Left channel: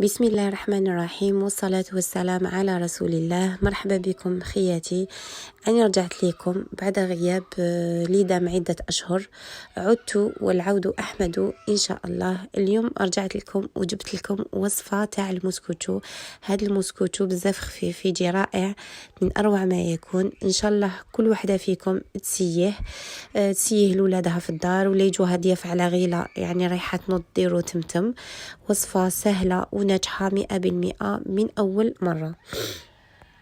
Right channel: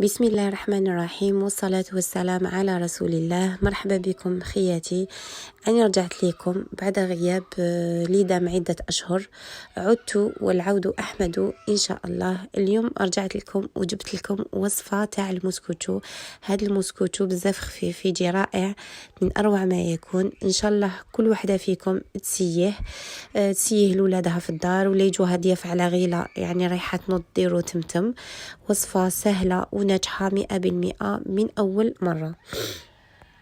بسم الله الرحمن الرحيم، والصلاة والسلام على رسول الله. مرحبا بكم خياتي. أنا رجعت لكم بعد غياب لي دام عدة أشهر. عدت والعود أحمد إن شاء الله. اليوم رجعت لكم وجبت لكم وصفة تاع المسكوتشو. هذا المسكوتشو بزاف خفيف، يجي رائع من أروع ما يكون. إن شاء الله كل واحدة فيكم تسيه لولادها في الدار، ولا يجوها ضياف على غيلة يعني رايحة تنوض ديرو تمتم. وصفة سهلة وناجحة 100% من أول مرة.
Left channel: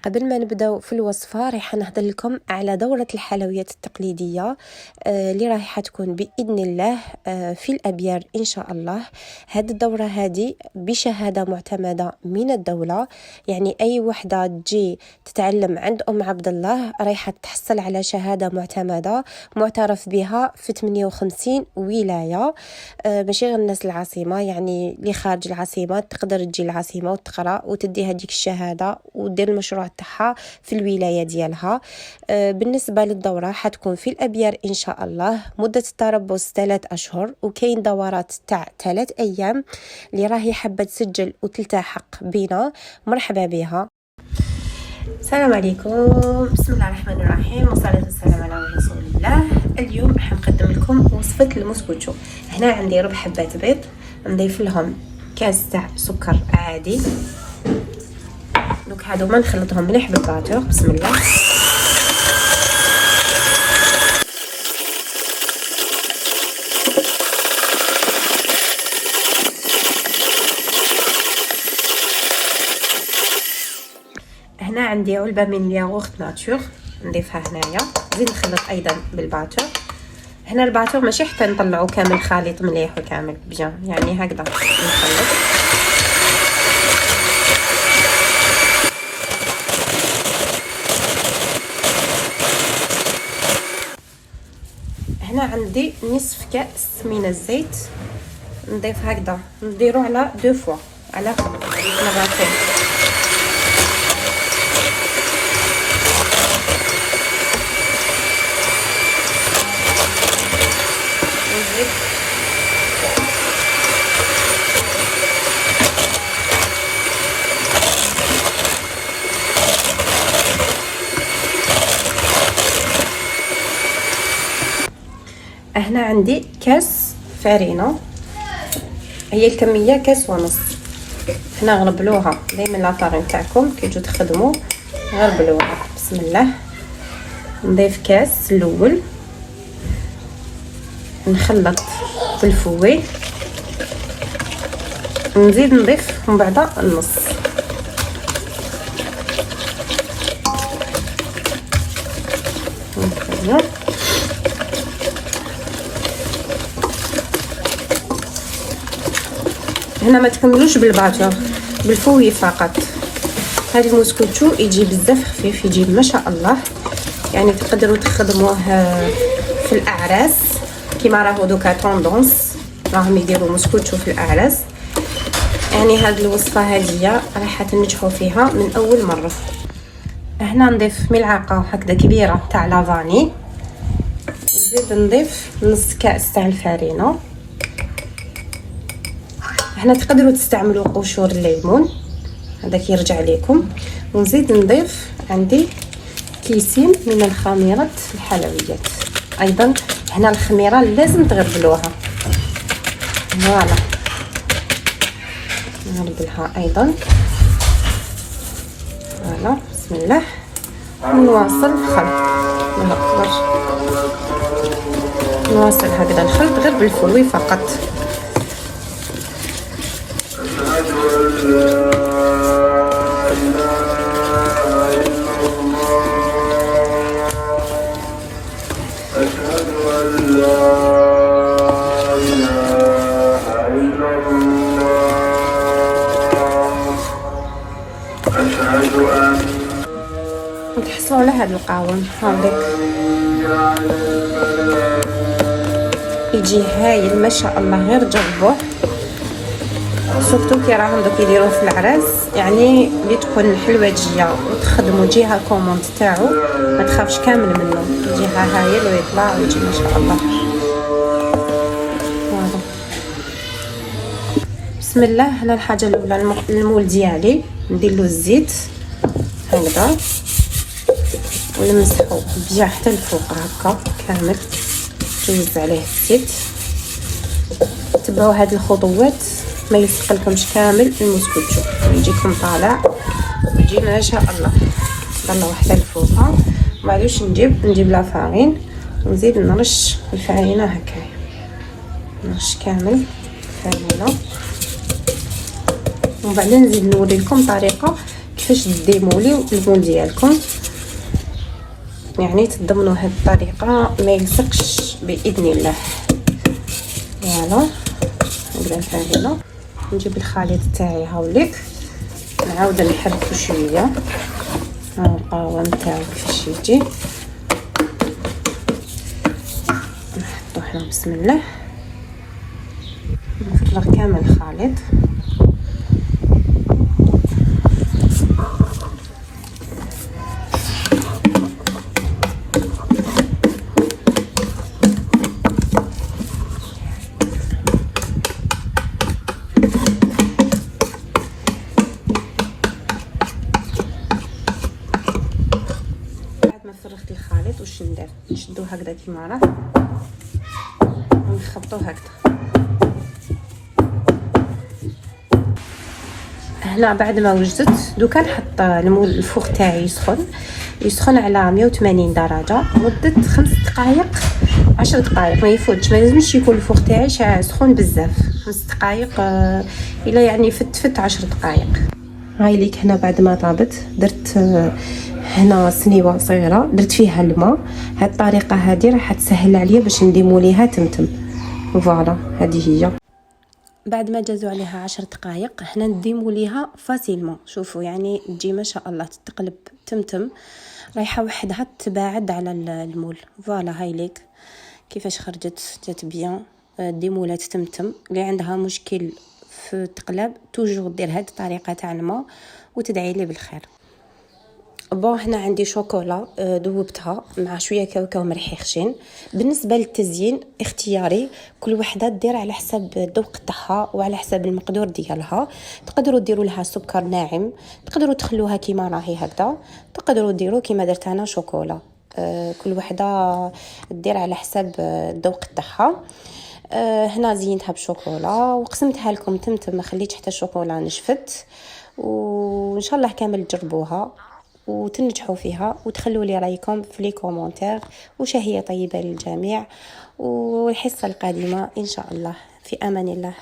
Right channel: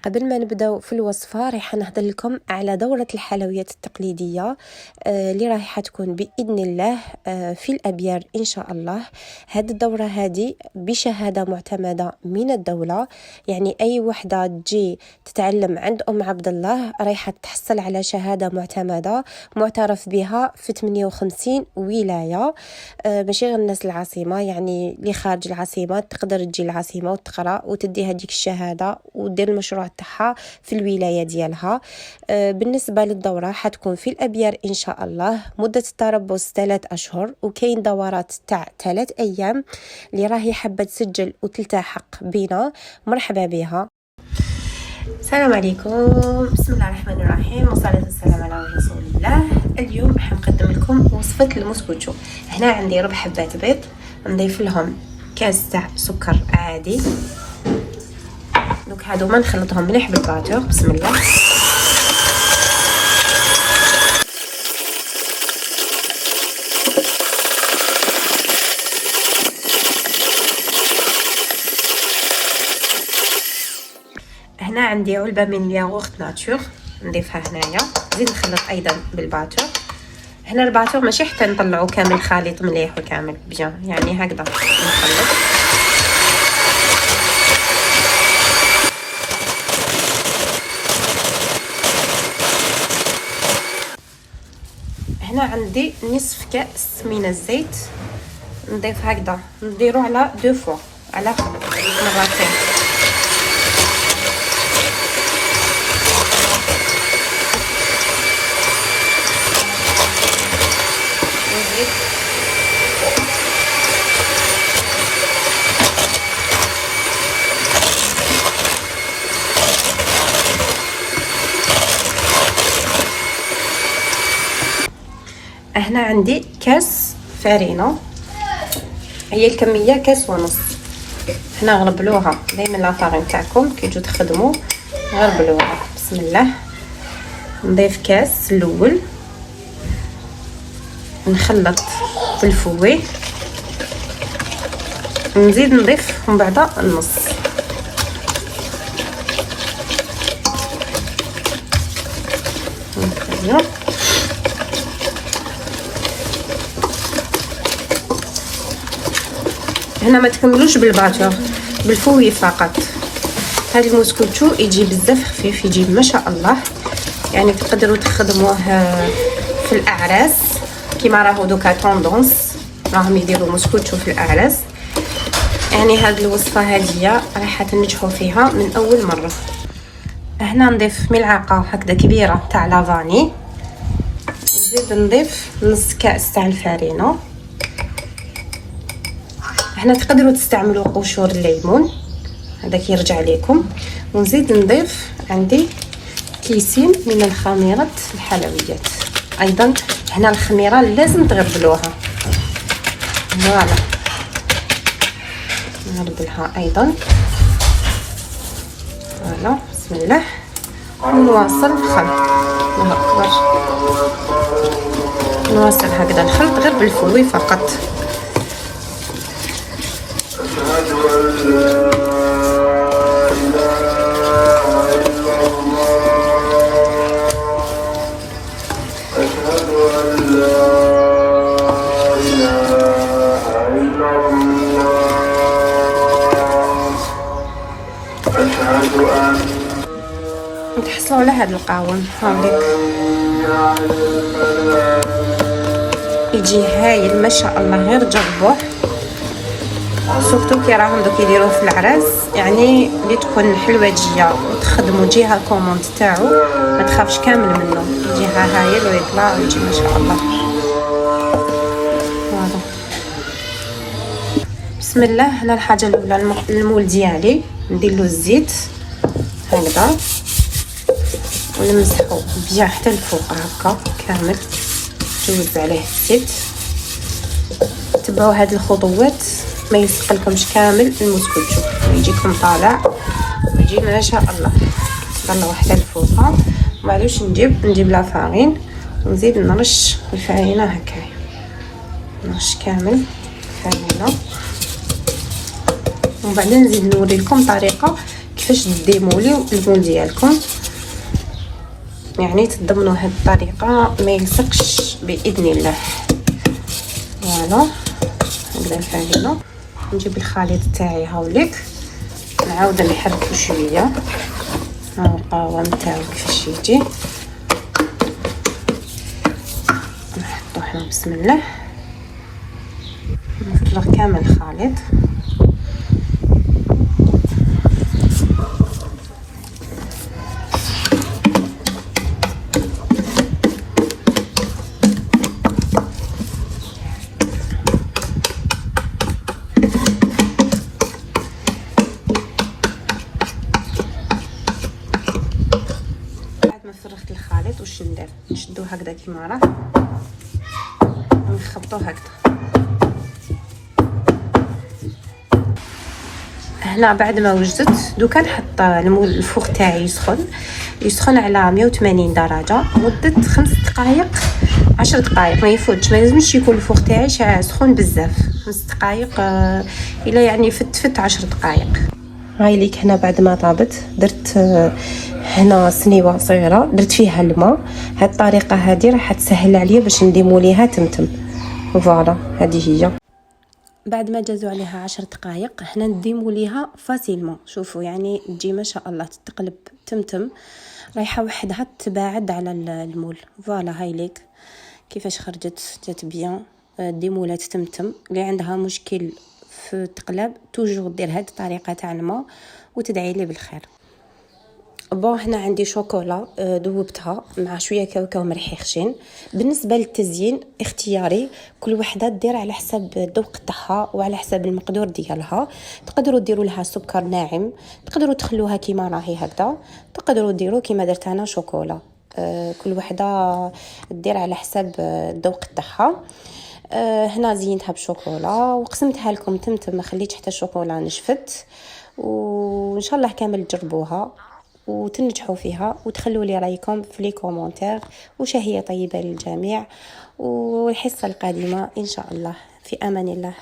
قبل ما نبداو في الوصفة راح نهضر لكم على دورة الحلويات التقليدية اللي راح تكون بإذن الله في الأبيار إن شاء الله. هذه الدورة هذه بشهادة معتمدة من الدولة، يعني أي وحدة تجي تتعلم عند أم عبد الله راح تحصل على شهادة معتمدة معترف بها في 58 ولاية. ماشي غير الناس العاصمة، يعني اللي خارج العاصمة تقدر تجي العاصمة وتقرأ وتدي هذيك الشهادة ودير المشروع تاعها في الولاية ديالها. بالنسبة للدورة حتكون في الأبيار إن شاء الله. مدة التربص 3 أشهر، وكاين دورات تاع 3 أيام. اللي راهي حابة تسجل وتلتحق بنا مرحبا بها. السلام عليكم، بسم الله الرحمن الرحيم، والصلاة والسلام على رسول الله. اليوم حنقدم لكم وصفة المسكوتشو. هنا عندي ربع حبات بيض، نضيف لهم كاس تاع سكر عادي. دوك هادو ما نخلطهم مليح بالباتور. بسم الله. هنا عندي علبة من الياغورت ناتور نضيفها هنايا. نزيد نخلط ايضا بالباتور. هنا الباتور ماشي حتى نطلعو كامل خليط مليح وكامل بيان، يعني هكذا. هنا عندي نصف كأس من الزيت نضيف هكذا، نديرو على 2 فور على هنا عندي كاس فارينة، هي الكمية كاس ونص. هنا غربلوها دايما لاطاغي نتاعكم كي تجوا تخدموا غربلوها. بسم الله. نضيف كاس الاول، نخلط في الفوي، نزيد نضيف من بعد النص. هنا ما تكملوش بالباتور، بالفوي فقط. هذا المسكوتشو يجي بزاف خفيف، يجي ما شاء الله، يعني تقدروا تخدموه في الاعراس كيما راهو دوكا توندونس راهم يديروا المسكوتشو في الاعراس. يعني هذه الوصفه هذه راح تنجحوا فيها من اول مره. هنا نضيف ملعقه هكذا كبيره تاع لافاني، نزيد نضيف نص كاس تاع الفارينه. هنا تقدروا تستعملوا قشور الليمون، هذاك يرجع لكم. ونزيد نضيف عندي كيسين من الخميره الحلويات ايضا. هنا الخميره لازم تغربلوها، نغربلها ايضا. فوالا بسم الله. نواصل نواصل هكذا الخلط غير بالفوي فقط. أشهد أن لا إله إلا الله، أشهد أن لا إله إلا الله، أشهد أن تحسوا على هذه القهوة يجي هايل ما شاء الله. يرجع الله سورتو كي راهم دوك يديروا في العراس، يعني اللي تكون حلوجيه تخدم جهه الكوموند تاعو ما تخافش كامل منه، جهه هايل ويطلع ما شاء الله. بسم الله. هنا الحاجه الاولى المول ديالي ندير له الزيت هكذا ونمسحو بيان حتى الفوق هكا كامل، نوزع عليه الزيت. تبعوا هذه الخطوات ما يسقلكمش كامل الموز كله، يجيكم طالع يجي ما شاء الله. طلعوا حتى الفوق وما عادوش نجيب لا فارين ونزيد نرش الفرينه هكا، نرش كامل الفرينه. وبعدين نزيد نوريكم طريقه كيفاش ديموليو البون ديالكم، يعني تضمنوا هاد الطريقه ما يلصقش باذن الله. فوالا نبدا نحللو، نجيب الخليط تاعي هاوليك، نعاود نحركو شويه مع القهوه نتاعي كيفاش يجي. نحطو هنا بسم الله، نفرغ كامل الخليط. نشدو هكذا كيما راه ونخبطو هكذا. هنا بعد ما وجدت دوكا نحط الفوغ تاعي يسخن على 180 درجه مده 5 دقائق 10 دقائق، ما يفوتش، ما لازمش يكون الفوغ تاعي سخون بزاف. 5 دقائق الا يعني فت 10 دقائق. هاي ليك هنا بعد ما طابت درت هنا سنيوه صغيره درت فيها الماء. هاد الطريقه هذه راح تسهل عليا باش نديمو ليها تمتم. فوالا هذه هي. بعد ما جازوا عليها 10 دقائق حنا نديمو ليها فاسيلمون. شوفوا يعني تجي ما شاء الله تتقلب تمتم، رايحه وحدها تباعد على المول. فوالا هاي ليك كيفاش خرجت، جات بيان. ديمولات تمتم. اللي عندها مشكل في التقلاب توجور دير هاد الطريقه تاع الماء وتدعي لي بالخير. بون هنا عندي شوكولا ذوبتها مع شويه كاوكاو مرحي خشين. بالنسبه للتزيين اختياري، كل وحده دير على حسب الذوق تاعها وعلى حسب المقدور ديالها. تقدروا ديروا لها سكر ناعم، تقدروا تخلوها كيما راهي هكذا، تقدروا ديروا كيما درت انا شوكولا. كل وحده دير على حسب الذوق تاعها. هنا زينتها بشوكولا وقسمتها لكم تمتم، ما خليتش حتى الشوكولا نشفت. وان شاء الله كامل تجربوها وتنجحوا فيها وتخلوا لي رايكم في لي كومونتير. وشهية طيبة للجميع، والحصة القادمة ان شاء الله. في امان الله.